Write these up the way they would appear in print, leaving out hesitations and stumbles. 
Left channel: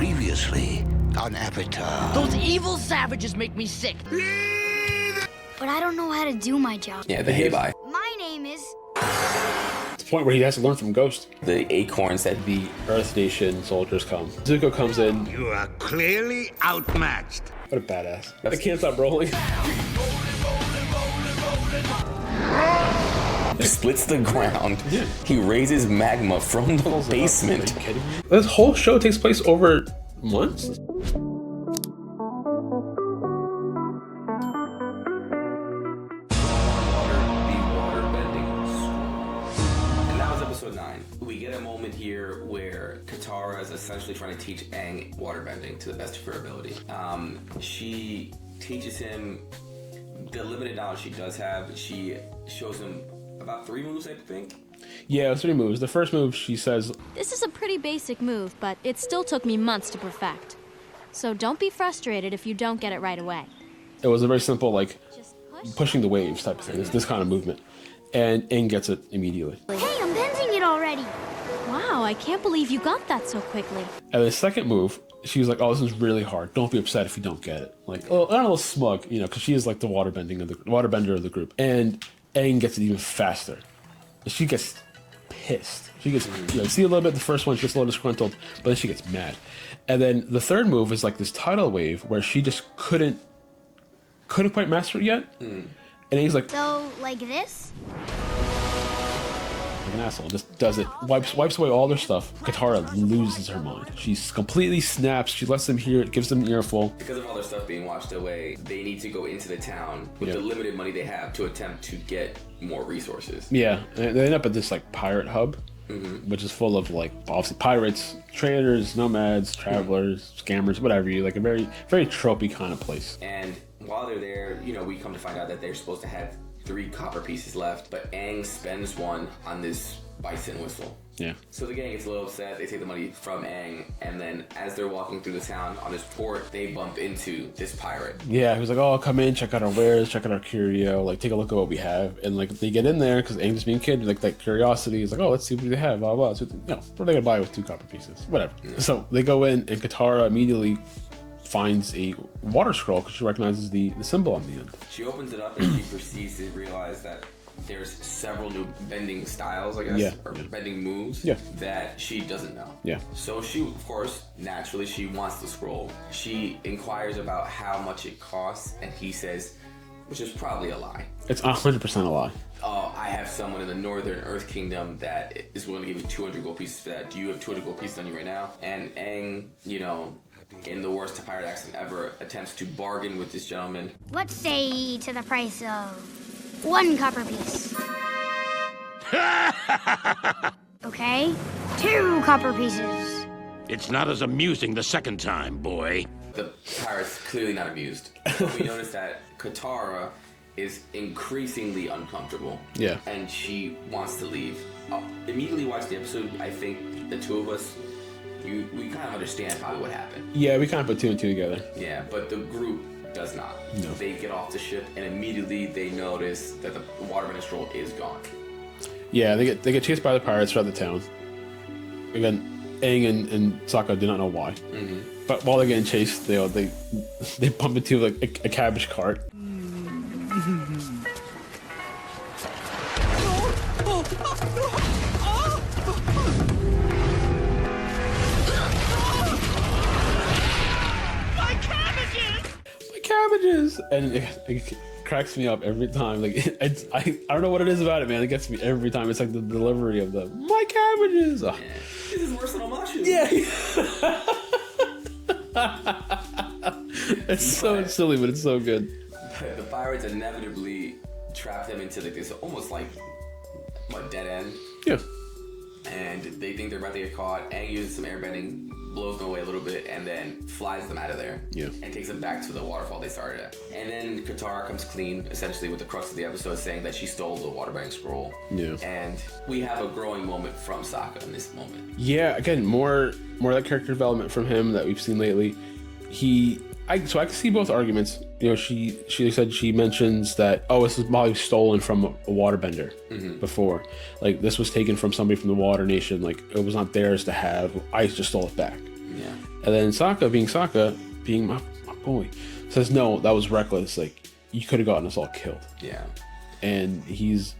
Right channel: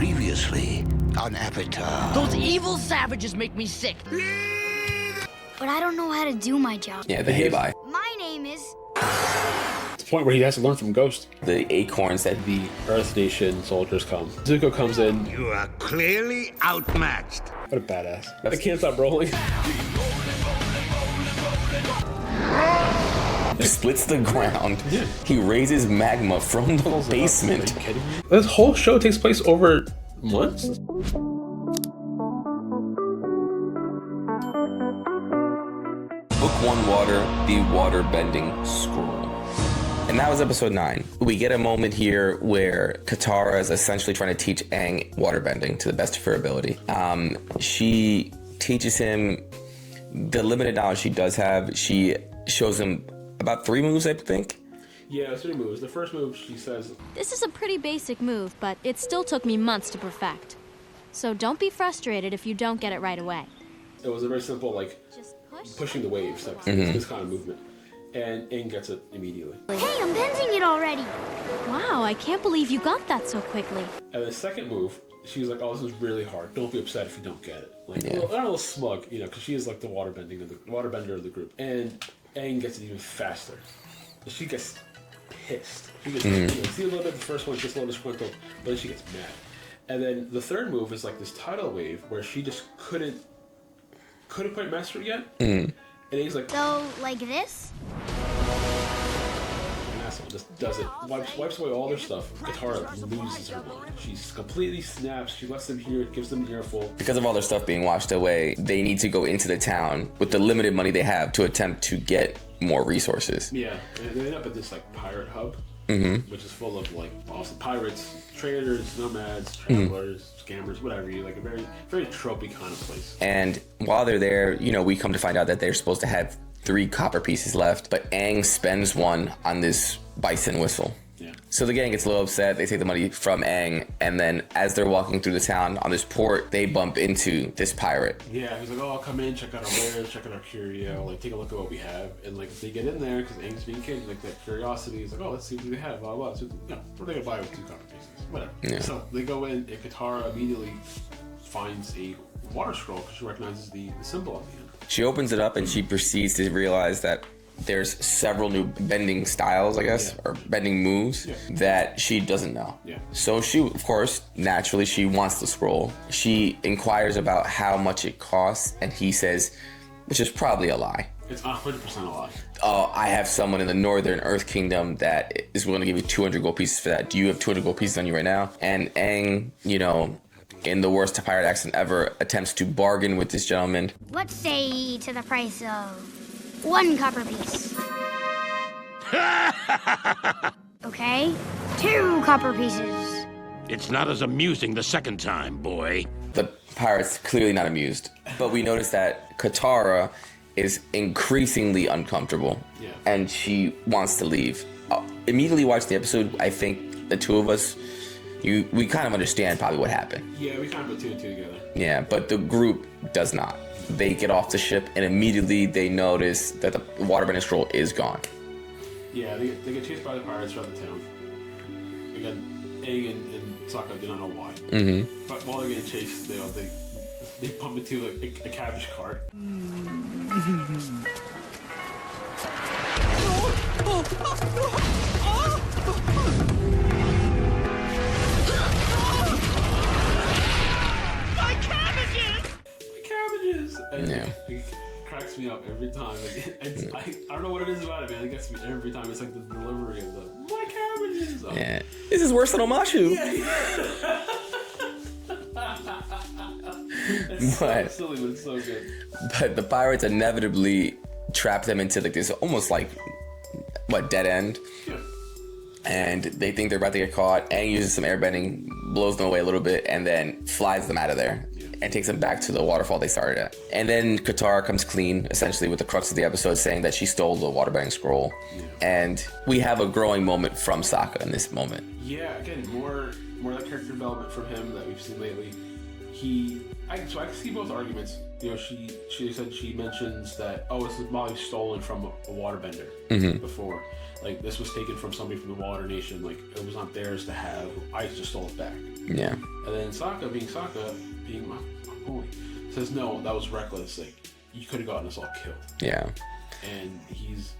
Previously on Avatar. Those evil savages make me sick. But I don't know how to do my job. Yeah, the hey-bye. My name is... It's the point where he has to learn from Ghost. The acorns that The Earth Nation soldiers come. Zuko comes in. You are clearly outmatched. What a badass. I can't stop rolling. He splits the ground. Yeah. He raises magma from the basement. Are you kidding me? This whole show takes place over months? Book 1 Water, the water bending scroll. And that was episode 9. We get a moment here where Katara is essentially trying to teach Aang water bending to the best of her ability. She teaches him the limited knowledge she does have. She shows him about 3 moves, I think. Yeah, 3 moves. The first move, she says, This is a pretty basic move, but it still took me months to perfect. So don't be frustrated if you don't get it right away. it was a very simple, like, Just push. pushing the waves type of thing. This kind of movement. And Aang gets it immediately. Hey, I'm bending it already. Wow, I can't believe you got that so quickly. And the second move, she was like, "Oh, this is really hard. Don't be upset if you don't get it." Like, well, I'm a little smug, you know, because she is like the waterbender of the group. And Aang gets it even faster. She gets pissed. She gets, you know, see a little bit. The first one, she gets a little disgruntled, but then she gets mad. And then the third move is like this tidal wave where she just couldn't quite master it yet. And he's like, So, like this? an asshole, just does it, wipes away all their stuff. Katara loses her mind. She completely snaps. She lets them hear it, gives them an earful. Because of all their stuff being washed away, they need to go into the town with the limited money they have to attempt to get more resources. Yeah, and they end up at this like pirate hub, which is full of like obviously pirates, traders, nomads, travelers, scammers, whatever you like. A very tropey kind of place. And while they're there, you know, we come to find out that they're supposed to have 3 copper pieces left, but Aang spends one on this bison whistle. Yeah. So the gang gets a little upset. They take the money from Aang, and then as they're walking through the town on this port, they bump into this pirate. Yeah, he was like, "Oh, come in, check out our wares, check out our curio, like take a look at what we have." And like they get in there because Aang's being kid, like that curiosity is like, "Oh, let's see what they have." Blah blah. So you know, what are they gonna buy with 2 copper pieces? Whatever. Yeah. So they go in, and Katara immediately finds a water scroll because she recognizes the symbol on the end. She opens it up and she proceeds to realize that there's several new bending styles, I guess, or bending moves that she doesn't know. Yeah. So she, of course, naturally, she wants the scroll. She inquires about how much it costs, and he says, which is probably a lie. It's 100% a lie. Oh, I have someone in the Northern Earth Kingdom that is willing to give you 200 gold pieces for that. Do you have 200 gold pieces on you right now? And Aang, you know, in the worst pirate accent ever, attempts to bargain with this gentleman. Let's say to the price of 1 copper piece. Okay? 2 copper pieces. It's not as amusing the second time, boy. The pirate's clearly not amused, but we notice that Katara is increasingly uncomfortable. Yeah. And she wants to leave. Immediately watch the episode, I think the two of us, we kind of understand probably what happened. Yeah, we kind of put 2 and 2 together. Yeah, but the group does not. No. They get off the ship and immediately they notice that the waterbending scroll is gone. Yeah, they get chased by the pirates throughout the town. Again, Aang and Sokka do not know why. But while they're getting chased, they bump into like a cabbage cart. Cabbages! And it cracks me up every time. Like I don't know what it is about it, man. It gets me every time. It's like the delivery of the my cabbages. Oh. Yeah. This is worse than Omashu. Yeah. It's so silly, but it's so good. But the pirates inevitably trap them into like this almost like dead end. Yeah. And they think they're about to get caught. Aang uses some airbending, blows them away a little bit, and then flies them out of there. Yeah. And takes them back to the waterfall they started at. And then Katara comes clean, essentially with the crux of the episode, saying that she stole the waterbending scroll. Yeah. And we have a growing moment from Sokka in this moment. Yeah, again, more of that character development from him that we've seen lately. So I can see both arguments. You know, she said she mentions that, oh, this is probably stolen from a waterbender before. Like, this was taken from somebody from the Water Nation. Like, it was not theirs to have. I just stole it back. Yeah. And then Sokka, being my boy, says, no, that was reckless. Like, you could have gotten us all killed. Yeah. And he's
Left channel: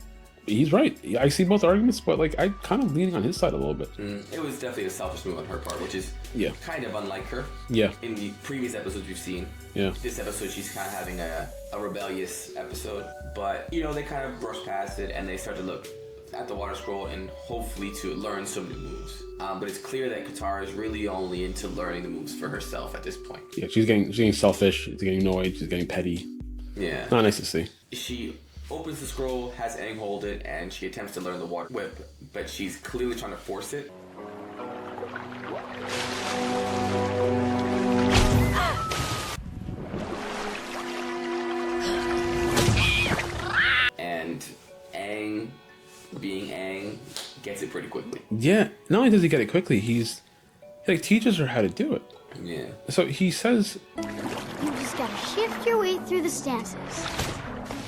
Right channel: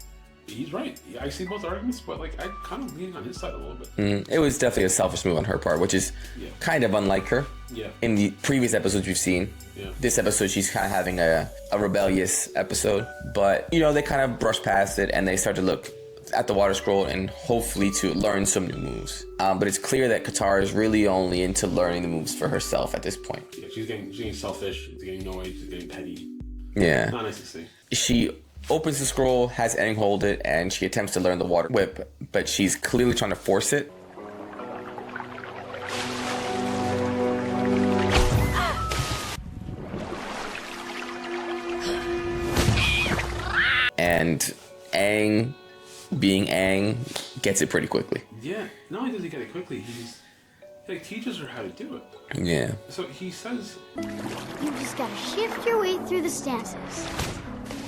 right. I see both arguments, but like, I kind of leaning on his side a little bit. It was definitely a selfish move on her part, which is kind of unlike her. Yeah. In the previous episodes we've seen. Yeah. This episode, she's kind of having a rebellious episode. But, you know, they kind of brush past it and they start to look at the water scroll and hopefully to learn some new moves. But it's clear that Katara is really only into learning the moves for herself at this point. Yeah, she's getting selfish, she's getting annoyed, she's getting petty. Yeah. Not nice to see. She opens the scroll, has Aang hold it, and she attempts to learn the water whip, but she's clearly trying to force it. And Aang, being Aang, gets it pretty quickly. Yeah, not only does he get it quickly, he like teaches her how to do it. Yeah. So he says, You just gotta shift your weight through the stances.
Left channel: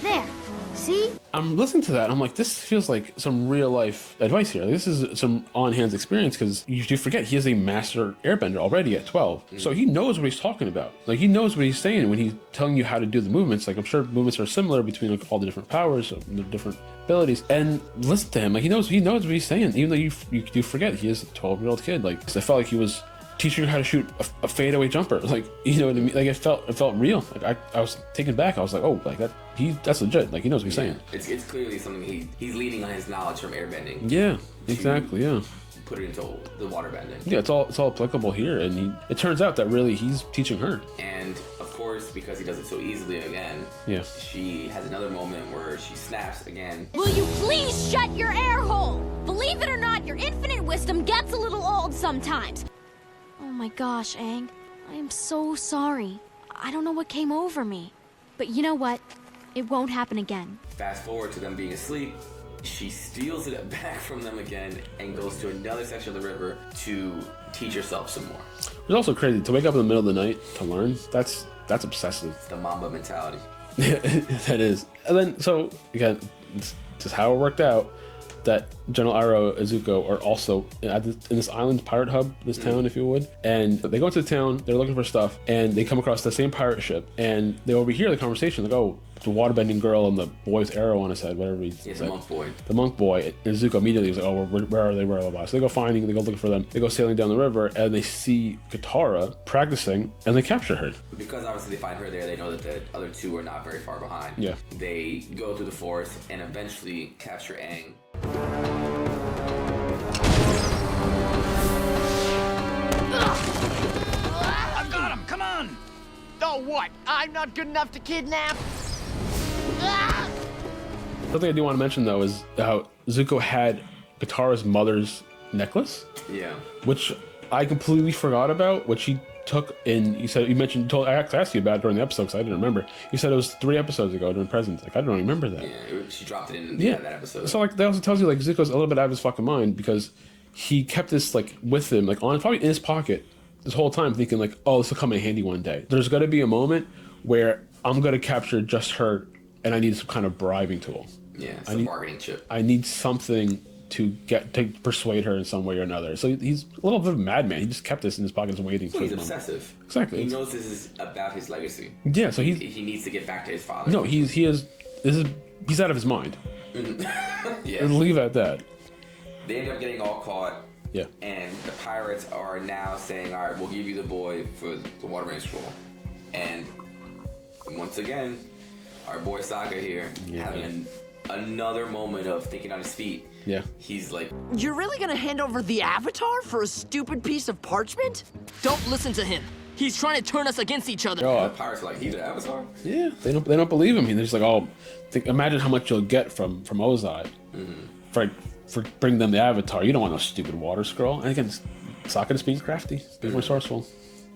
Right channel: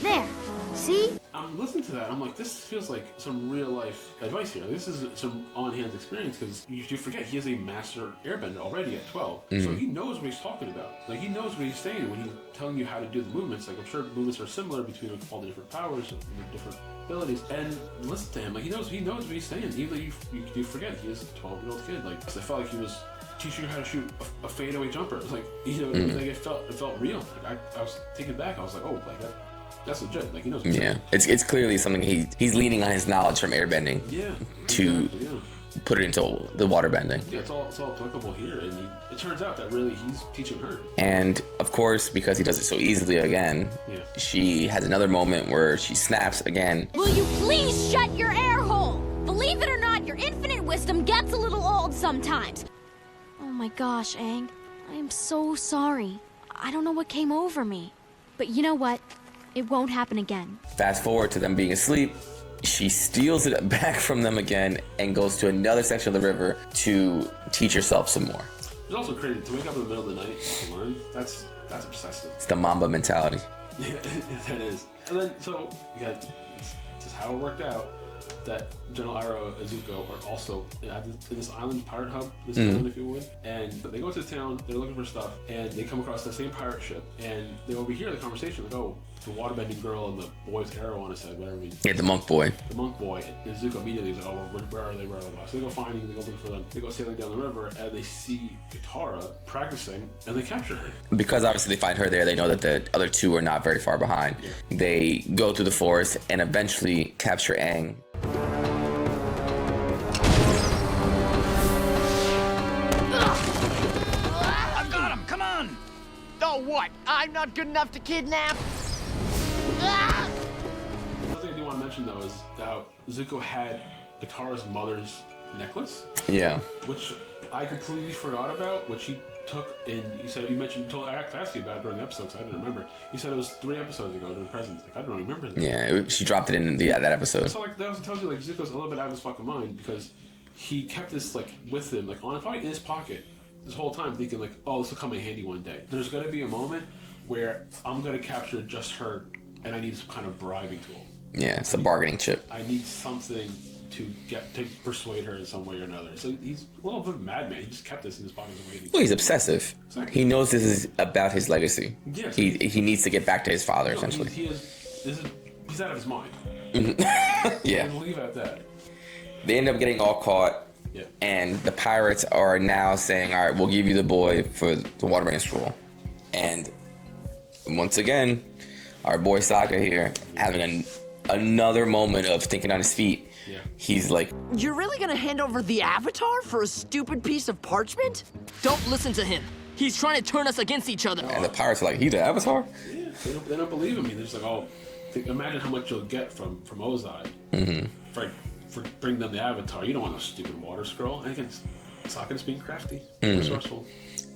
There. See? I'm listening to that, I'm like, this feels like some real life advice here. This is some on-hands experience, because you do forget he is a master airbender already at 12. So he knows what he's talking about. Like, he knows what he's saying when he's telling you how to do the movements. Like, I'm sure movements are similar between like all the different powers and the different abilities. And listen to him, like, he knows what he's saying, even though you do forget he is a 12-year-old kid. Like, 'cause I felt like he was teaching her how to shoot a fadeaway jumper. Like, you know what I mean? Like, it felt real. Like, I was taken back. I was like, oh, like that's legit. Like, he knows what he's saying. It's clearly something he's leaning on his knowledge from airbending. Yeah, exactly. Yeah. Put it into the water bending. Yeah, it's all applicable here, and it turns out that really he's teaching her. And of course, because he does it so easily again, she has another moment where she snaps again. Will you please shut your air hole? Believe it or not, your infinite wisdom gets a little old sometimes. Oh my gosh, Aang. I am so sorry. I don't know what came over me. But you know what? It won't happen again. Fast forward to them being asleep. She steals it back from them again and goes to another section of the river to teach herself some more. It's also crazy to wake up in the middle of the night to learn. That's obsessive. It's the Mamba mentality. Yeah, that is. And then, so again, this is how it worked out. That General Iroh and Zuko are also in this island pirate hub, this town, if you would. And they go into the town, they're looking for stuff, and they come across the same pirate ship. And they overhear the conversation, like, oh, the waterbending girl and the boy's arrow on his head, whatever. Yeah, the monk boy. The monk boy. And Zuko immediately is like, oh, where are they? Where are they? So they go finding, they go looking for them. They go sailing down the river, and they see Katara practicing, and they capture her. Because obviously they find her there, they know that the other two are not very far behind. Yeah. They go through the forest and eventually capture Aang. I've got him! Come on! Oh, what? I'm not good enough to kidnap? Something I do want to mention, though, is how Zuko had Katara's mother's necklace. Yeah. Which I completely forgot about, which he took in, I asked you about it during the episode because I didn't remember. You said it was 3 episodes ago during Presents. Like, I don't remember that. Yeah, she dropped it in that episode. So, like, that also tells you, like, Zuko's a little bit out of his fucking mind because he kept this, like, with him, like, probably in his pocket this whole time, thinking, like, oh, this will come in handy one day. There's going to be a moment where I'm going to capture just her and I need some kind of bribing tool. Yeah, it's a bargaining chip. I need something to persuade her in some way or another. So he's a little bit of a madman. He just kept this in his pockets and waiting. Well, he's obsessive. Exactly. He knows this is about his legacy. Yeah. So he needs to get back to his father. No, he's out of his mind. Yeah. And leave it at that. They end up getting all caught. Yeah. And the pirates are now saying, all right, we'll give you the boy for the waterbending scroll. And once again, our boy Sokka here having another moment of thinking on his feet. Yeah. He's like, You're really gonna hand over the Avatar for a stupid piece of parchment? Don't listen to him. He's trying to turn us against each other. and the pirates are like, he's the Avatar? Yeah. They don't believe him. They're just like, oh, imagine how much you'll get from Ozai for bringing them the Avatar. You don't want no stupid water scroll. And again, Sokka is being crafty, resourceful.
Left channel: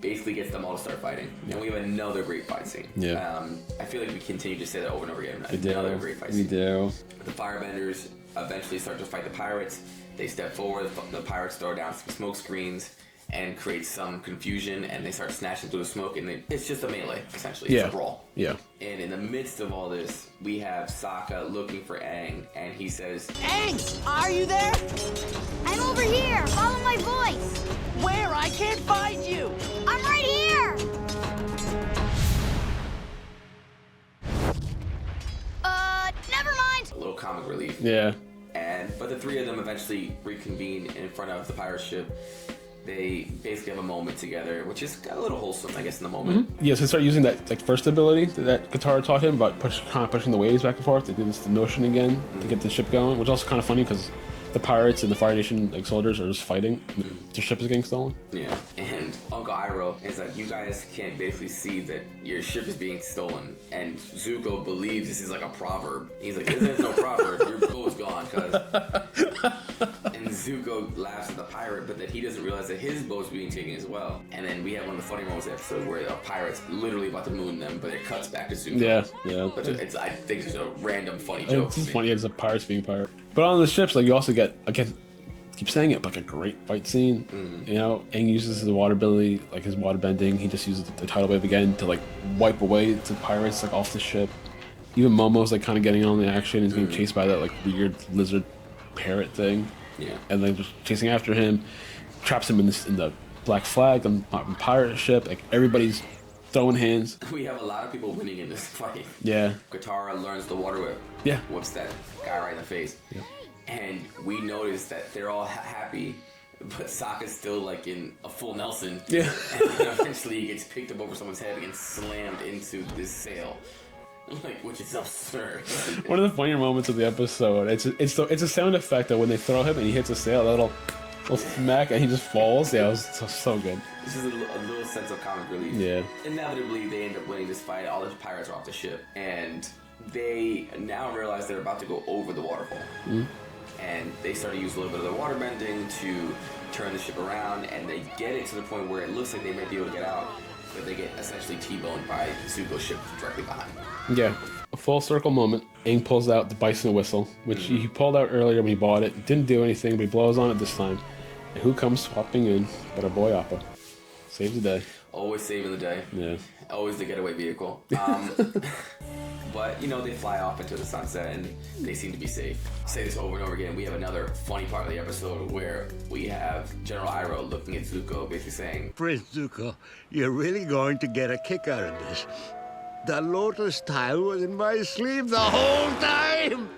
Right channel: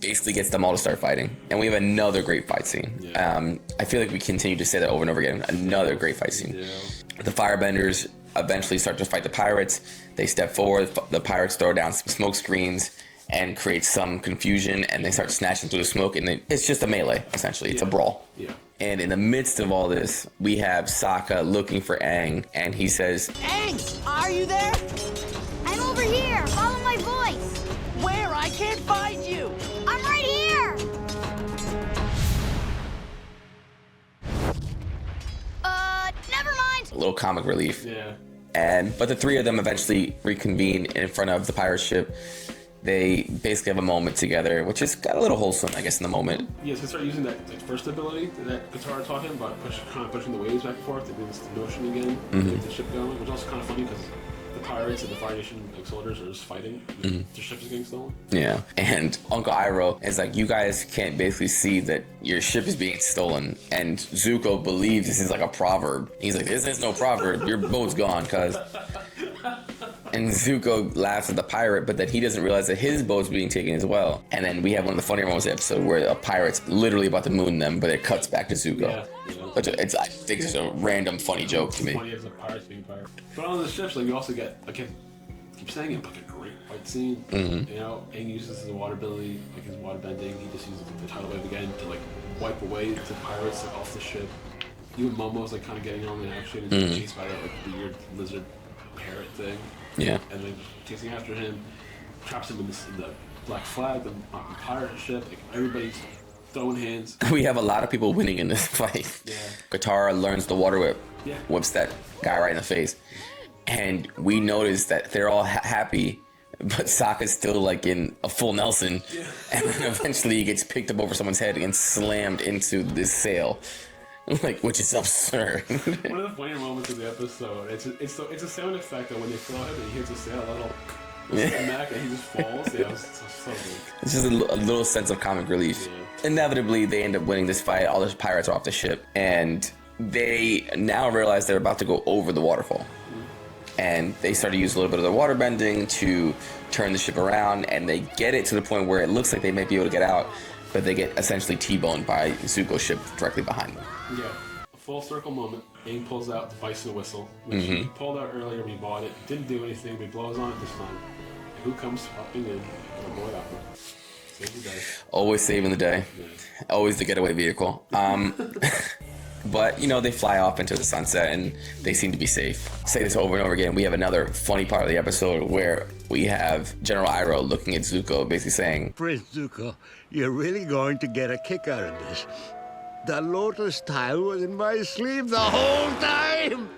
Basically gets them all to start fighting. And we have another great fight scene. Yeah. I feel like we continue to say that over and over again. Another great fight scene. Yeah. The firebenders eventually start to fight the pirates. They step forward. The pirates throw down some smoke screens and create some confusion, and they start snatching through the smoke, and it's just a melee, essentially. It's a brawl. Yeah. And in the midst of all this, we have Sokka looking for Aang, and he says, Aang, are you there? I'm over here. Follow my voice. Where? I can't find you! I'm right here! Never mind! A little comic relief. Yeah. But the three of them eventually reconvene in front of the pirate ship. They basically have a moment together, which is got a little wholesome, I guess, in the moment. Yes, he started using that like first ability that Katara taught him, about pushing the waves back and forth to do this notion again, to get the ship going, which is also kind of funny because the pirates and the Fire Nation like soldiers are just fighting. The ship is getting stolen. Yeah, and Uncle Iroh is like, you guys can't basically see that your ship is being stolen, and Zuko believes this is like a proverb. He's like, this is no proverb, your boat's gone, cuz. And Zuko laughs at the pirate, but then he doesn't realize that his boat's being taken as well. And then we have one of the funnier moments of the episode where a pirate's literally about to moon them, but it cuts back to Zuko. Yeah. Which I think it's a random funny joke to me. Funny as a pirates being pirate. But on the ships, like you also get, again, keep saying it, like a great fight scene. You know, Aang uses the water ability, like his water bending. He just uses the tidal wave again to like wipe away the pirates like off the ship. Even Momo's like kind of getting on the action. He's being chased by that like weird lizard parrot thing. Yeah. And then just chasing after him, traps him in the Black Flag, the pirate ship. Like everybody's throwing hands. We have a lot of people winning in this fight. Yeah. Katara learns the water whip. Yeah. Whips that guy right in the face. Yeah. And we notice that they're all happy, but Sokka's still like in a full Nelson. Yeah. And then eventually he gets picked up over someone's head and slammed into this sail. Like, which is absurd. One of the funnier moments of the episode, it's a sound effect that when they throw him and he hits a sail, that'll smack and he just falls. Yeah, it was so good. It's just a little sense of comic relief. Yeah. Inevitably, they end up winning this fight. All the pirates are off the ship, and they now realize they're about to go over the waterfall. And they start to use a little bit of the water bending to turn the ship around, and they get it to the point where it looks like they might be able to get out, but they get essentially T-boned by Zuko's ship directly behind them. Yeah. A full circle moment. Aang pulls out the bison whistle, which he pulled out earlier when he bought it. Didn't do anything, but he blows on it this time. And who comes swapping in but our boy Appa? Saves the day. Always saving the day. Yeah. Always the getaway vehicle. But, you know, they fly off into the sunset and they seem to be safe. Say this over and over again. We have another funny part of the episode where we have General Iroh looking at Zuko, basically saying, Prince Zuko, you're really going to get a kick out of this. The lotus tile was in my sleeve the whole time!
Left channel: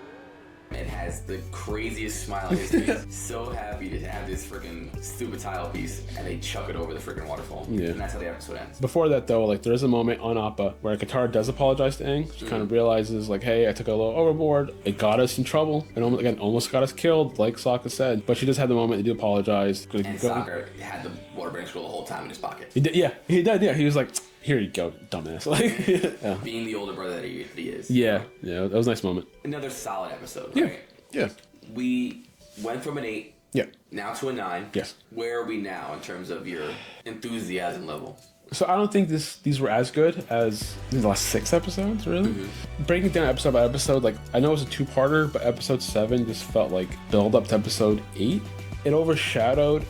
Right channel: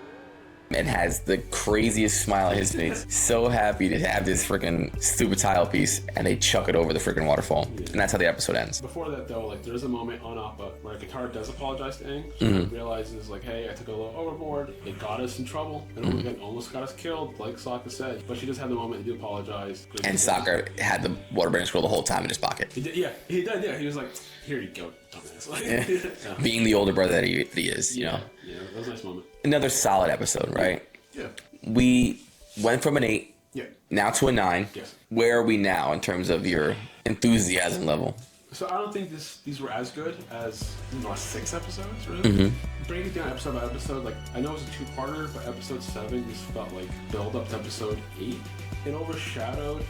and has the craziest smile on his face. So happy to have this freaking stupid tile piece, and they chuck it over the freaking waterfall. Yeah. And that's how the episode ends. Before that, though, like, there's a moment on Appa where Katara does apologize to Aang. She kind of realizes, like, hey, I took a little overboard. It got us in trouble. And almost got us killed, like Sokka said. But she does have the moment to do apologize. And Sokka had the waterbending scroll the whole time in his pocket. He did, yeah. He did, yeah. He was like, here you go, dumbass. Like, yeah. Being the older brother that he is. Yeah, yeah, that was a nice moment. Another solid episode, right? Yeah. We went from an 8 now to a 9. Yes. Where are we now in terms of your enthusiasm level? So I don't think these were as good as the last 6 episodes, really. Breaking it down episode by episode, like, I know it was a 2-parter, but episode 7 just felt like build up to episode 8. It overshadowed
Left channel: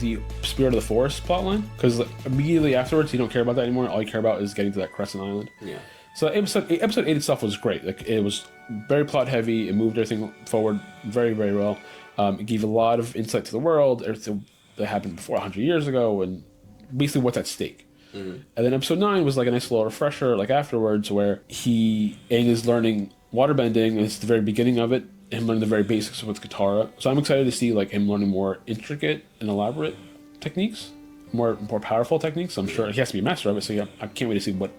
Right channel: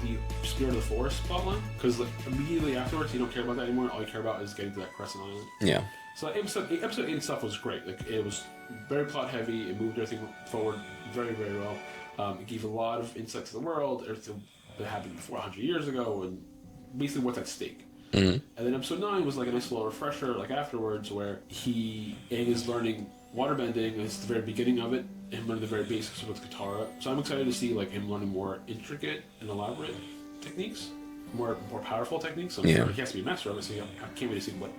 the Spirit of the Forest plotline, because immediately afterwards you don't care about that anymore. All you care about is getting to that Crescent Island. Yeah. So episode 8 itself was great. Like, it was very plot heavy. It moved everything forward very, very well. It gave a lot of insight to the world, everything that happened before 100 years ago, and basically what's at stake. And then episode 9 was like a nice little refresher, like afterwards, where Aang is learning waterbending, and it's the very beginning of it, him learning the very basics with Katara. So I'm excited to see like him learning more intricate and elaborate techniques, more powerful techniques. I'm sure he has to be a master of it, so yeah, I can't wait to see what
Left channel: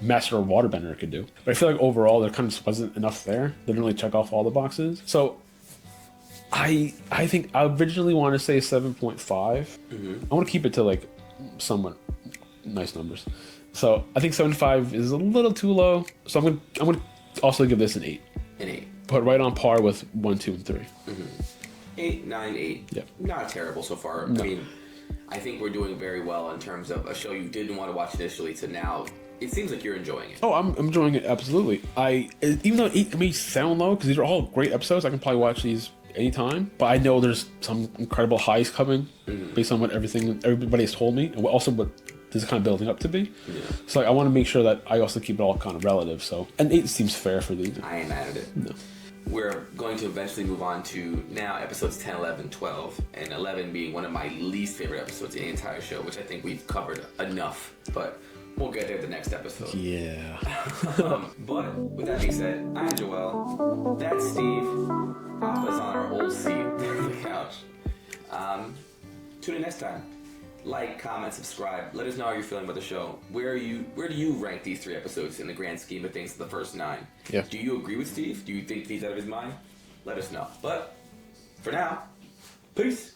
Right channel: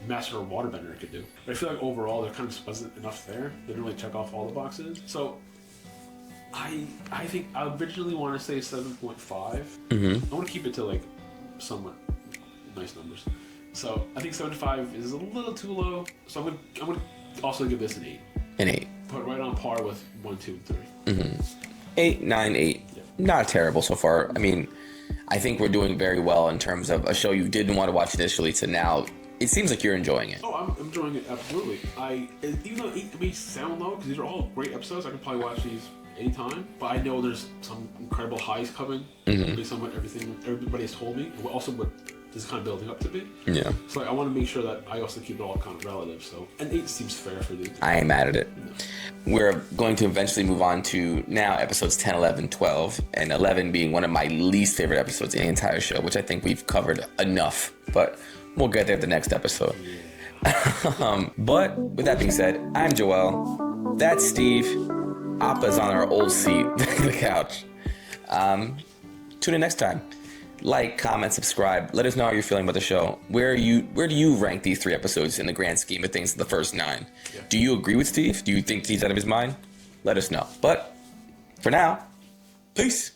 master or waterbender could do. But I feel like overall there kind of just wasn't enough there. They didn't really check off all the boxes. So I think I originally want to say 7.5. I want to keep it to like somewhat nice numbers. So I think 7.5 is a little too low. So I'm gonna also give this an 8. An 8. Put right on par with 1, 2, and 3. 8, 9, 8. Yeah. Not terrible so far. I mean, I think we're doing very well in terms of a show you didn't want to watch initially to now. It seems like you're enjoying it. Oh, I'm enjoying it, absolutely. Even though 8 may sound low, because these are all great episodes, I can probably watch these anytime. But I know there's some incredible highs coming based on what everybody has told me, and also what this is kind of building up to be. Yeah. So like, I want to make sure that I also keep it all kind of relative. So an 8 seems fair for these. I ain't mad at it. No. We're going to eventually move on to now episodes 10, 11, 12, and 11 being one of my least favorite episodes in the entire show, which I think we've covered enough, but we'll get there at the next episode. Yeah. But with that being said, I'm Joel. That's Steve. Appa's on our old seat, the couch. Tune in next time. Like, comment, subscribe. Let us know how you're feeling about the show. Where do you rank these 3 episodes in the grand scheme of things, the first 9? Yeah. Do you agree with Steve? Do you think he's out of his mind? Let us know. But for now, peace.